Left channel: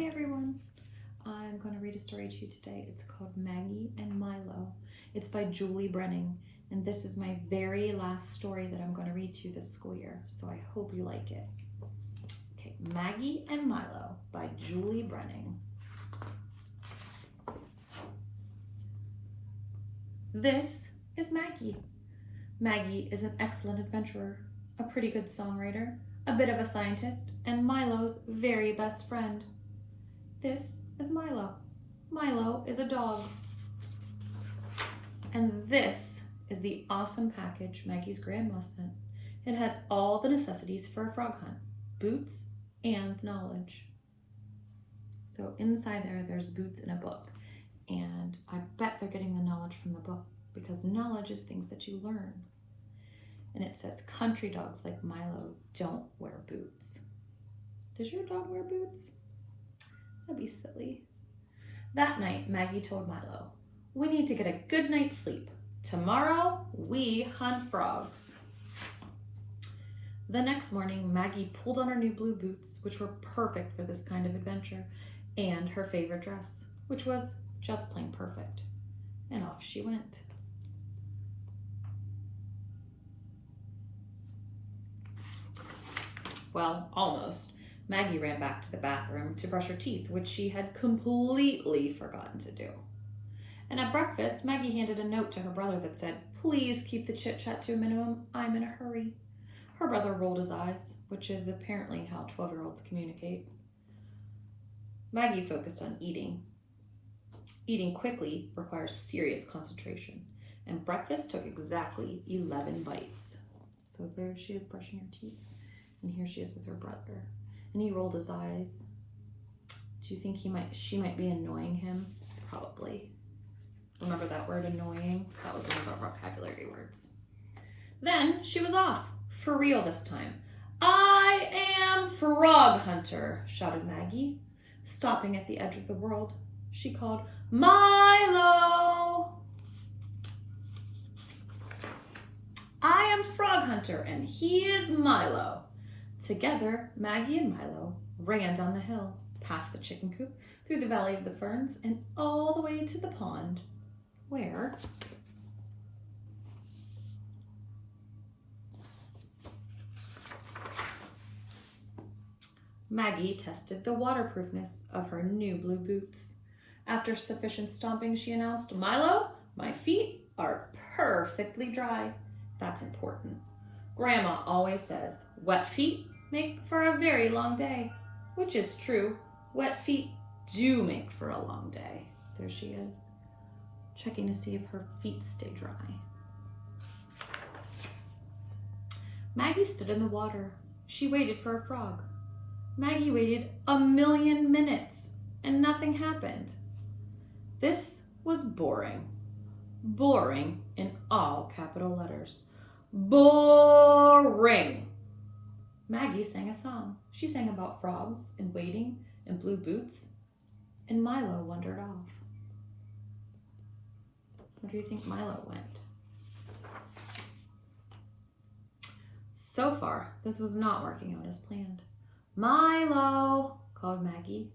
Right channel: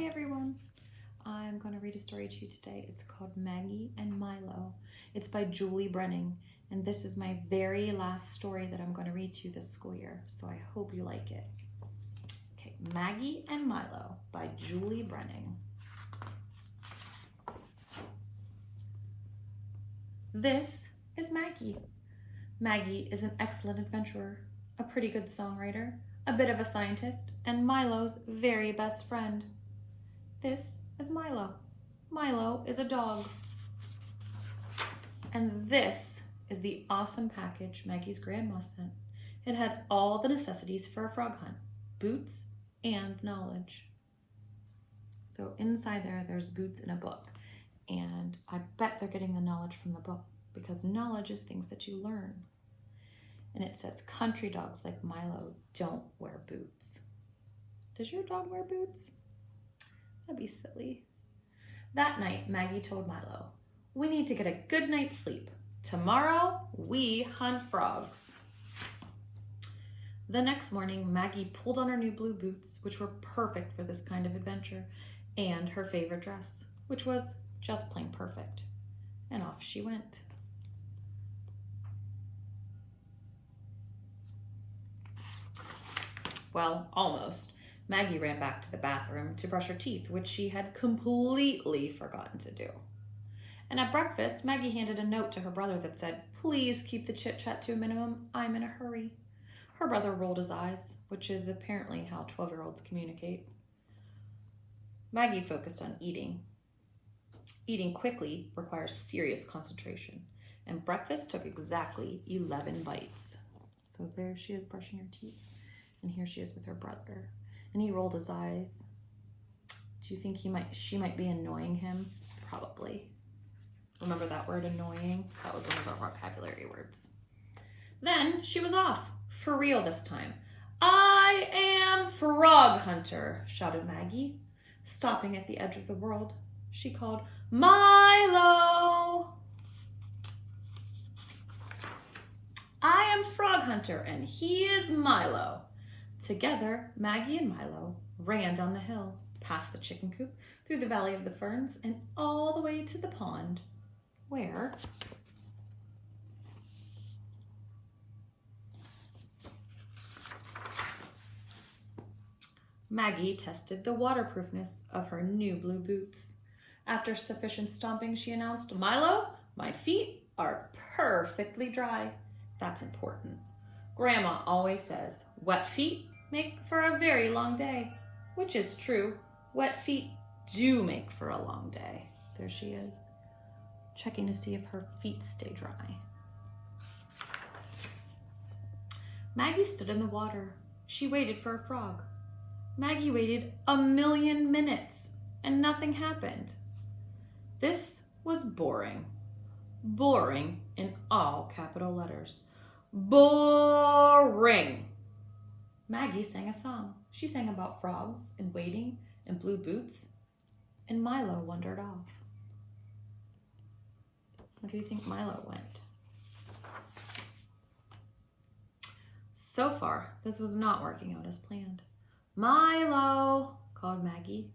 Hey everyone, I'm going to read a story to you today. It's called Maggie and Milo. It's by Juli Brenning, and this is my very last story that I'm going to read to you this school year, so I hope you like it. Okay, Maggie and Milo by Juli Brenning. This is Maggie. Maggie is an excellent adventurer, a pretty good songwriter, a bit of a scientist, and Milo's very best friend. This is Milo. Milo is a dog. And this is the awesome package Maggie's grandma sent. It had all the necessities for a frog hunt, boots and knowledge. So inside there's boots and a book. And I bet they're getting the knowledge from the book because knowledge is things that you learn. And it says country dogs like Milo don't wear boots. Does your dog wear boots? That'd be silly. That night, Maggie told Milo, "We need to get a good night's sleep. Tomorrow, we hunt frogs." The next morning, Maggie pulled on her new blue boots, which were perfect for this kind of adventure, and her favorite dress, which was just plain perfect. And off she went. Well, almost. Maggie ran back to the bathroom to brush her teeth, which she had completely forgotten to do. And at breakfast, Maggie handed a note to her brother that said, "Please keep the chit-chat to a minimum. I'm in a hurry." Her brother rolled his eyes, which is apparently how 12-year-olds communicate. Maggie focused on eating. Eating quickly requires serious concentration, and breakfast took exactly 11 bites. So there she is brushing her teeth, and here she is with her brother. And he rolled his eyes. Do you think she might be annoying him? Probably. Remember that word, annoying? That was one of our vocabulary words. Then she was off, for real this time. "I am Frog Hunter," shouted Maggie. Stopping at the edge of the world, she called, "Milo! I am Frog Hunter, and he is Milo." Together, Maggie and Milo ran down the hill, past the chicken coop, through the valley of the ferns, and all the way to the pond, where Maggie tested the waterproofness of her new blue boots. After sufficient stomping, she announced, "Milo, my feet are perfectly dry." That's important. Grandma always says, wet feet make for a very long day, which is true. Wet feet do make for a long day. There she is, checking to see if her feet stay dry. Maggie stood in the water. She waited for a frog. Maggie waited 1,000,000 minutes, and nothing happened. This was boring. Boring in all capital letters. Boring. Maggie sang a song. She sang about frogs and waiting and blue boots, and Milo wandered off. Where do you think Milo went? So far, this was not working out as planned. "Milo," called Maggie,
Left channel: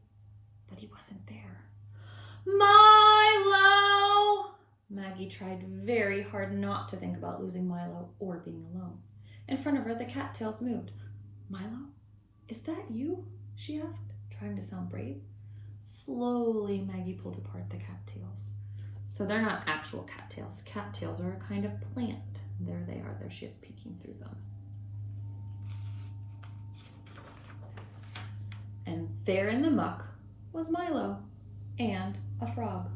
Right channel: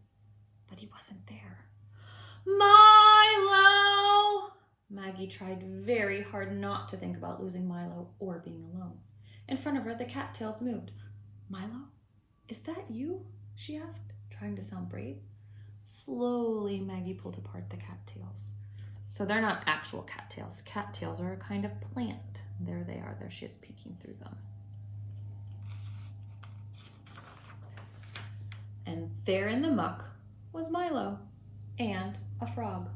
but he wasn't there. "Milo!" Maggie tried very hard not to think about losing Milo or being alone. In front of her, the cattails moved. "Milo, is that you?" she asked, trying to sound brave. Slowly, Maggie pulled apart the cattails. So they're not actual cattails. Cattails are a kind of plant. There they are. There she is peeking through them. And there in the muck was Milo and a frog.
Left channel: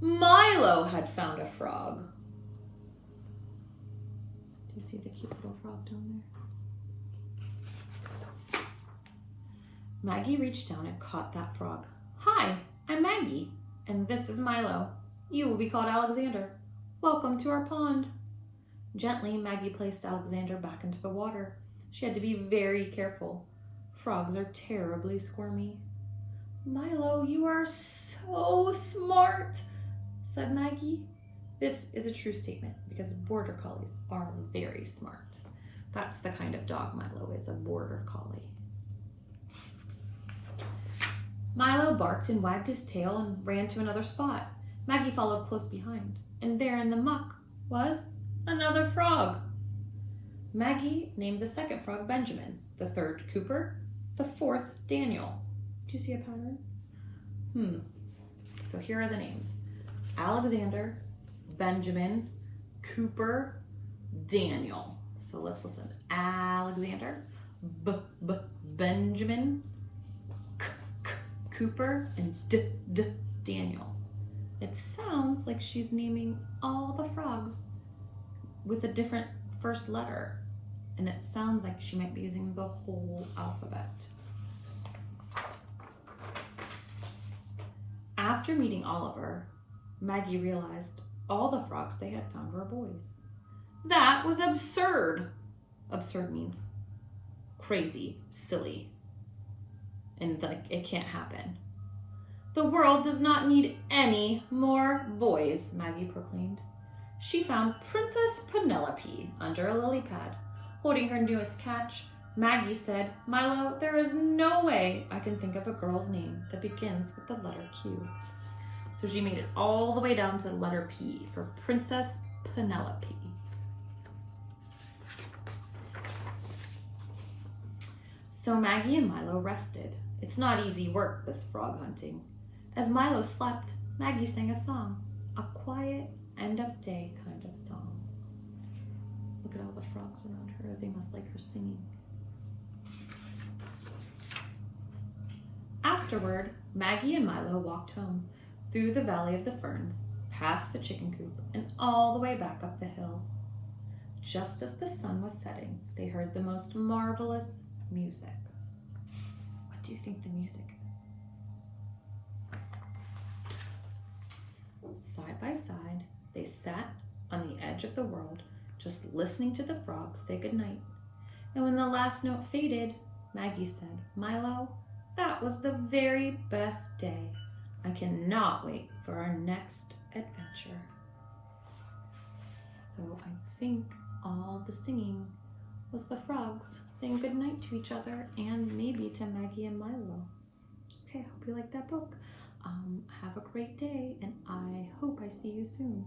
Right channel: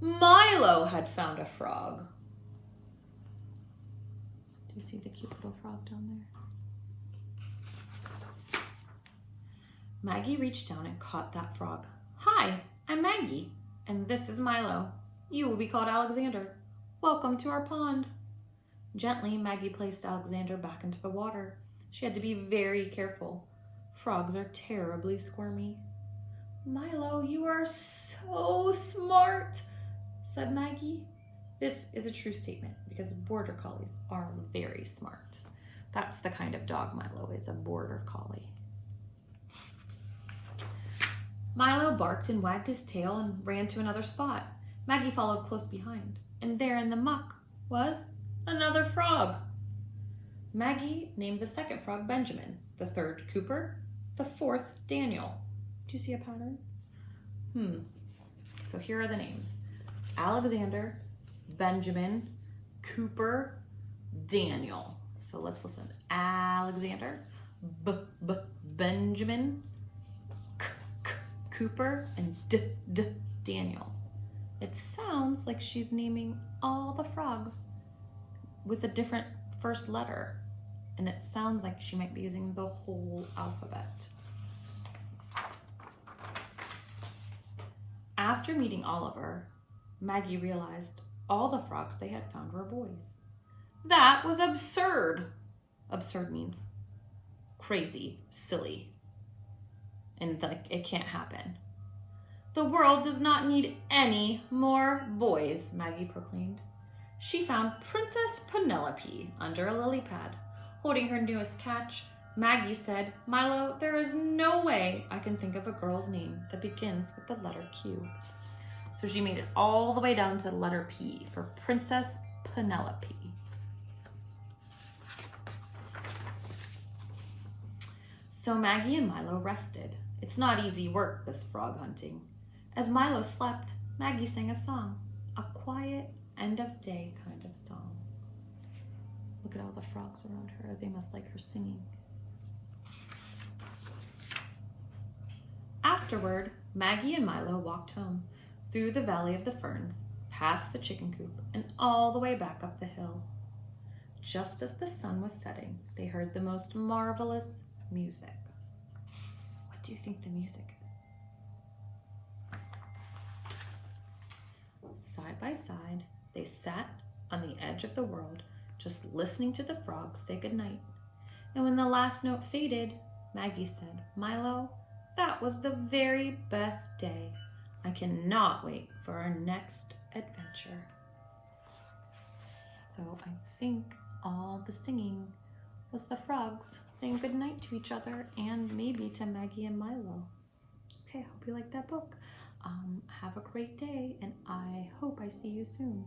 Milo had found a frog. Do you see the cute little frog down there? Maggie reached down and caught that frog. "Hi, I'm Maggie, and this is Milo. You will be called Alexander. Welcome to our pond." Gently, Maggie placed Alexander back into the water. She had to be very careful. Frogs are terribly squirmy. "Milo, you are so smart," said Maggie. This is a true statement because border collies are very smart. That's the kind of dog Milo is, a border collie. Milo barked and wagged his tail and ran to another spot. Maggie followed close behind, and there in the muck was another frog. Maggie named the second frog Benjamin, the third Cooper, the fourth Daniel. Do you see a pattern? So here are the names. Alexander, Benjamin, Cooper, Daniel. So let's listen. Alexander, Benjamin, Cooper, and Daniel. It sounds like she's naming all the frogs with a different first letter. And it sounds like she might be using the whole alphabet. After meeting Oliver, Maggie realized all the frogs they had found were boys. That was absurd. Absurd means crazy, silly, and like it can't happen. The world does not need any more boys, Maggie proclaimed. She found Princess Penelope under a lily pad. Holding her newest catch, Maggie said, "Milo, there is no way I can think of a girl's name that begins with the letter Q." So she made it all the way down to the letter P for Princess Penelope. So Maggie and Milo rested. It's not easy work, this frog hunting. As Milo slept, Maggie sang a song, a quiet end of day kind of song. Look at all the frogs around her. They must like her singing. Afterward, Maggie and Milo walked home, through the Valley of the Ferns, past the chicken coop, and all the way back up the hill. Just as the sun was setting, they heard the most marvelous music. What do you think the music is? Side by side, they sat on the edge of the world, just listening to the frogs say goodnight. And when the last note faded, Maggie said, "Milo, that was the very best day. I cannot wait for our next adventure." So I think all the singing was the frogs saying goodnight to each other and maybe to Maggie and Milo. Okay, I hope you like that book. Have a great day, and I hope I see you soon.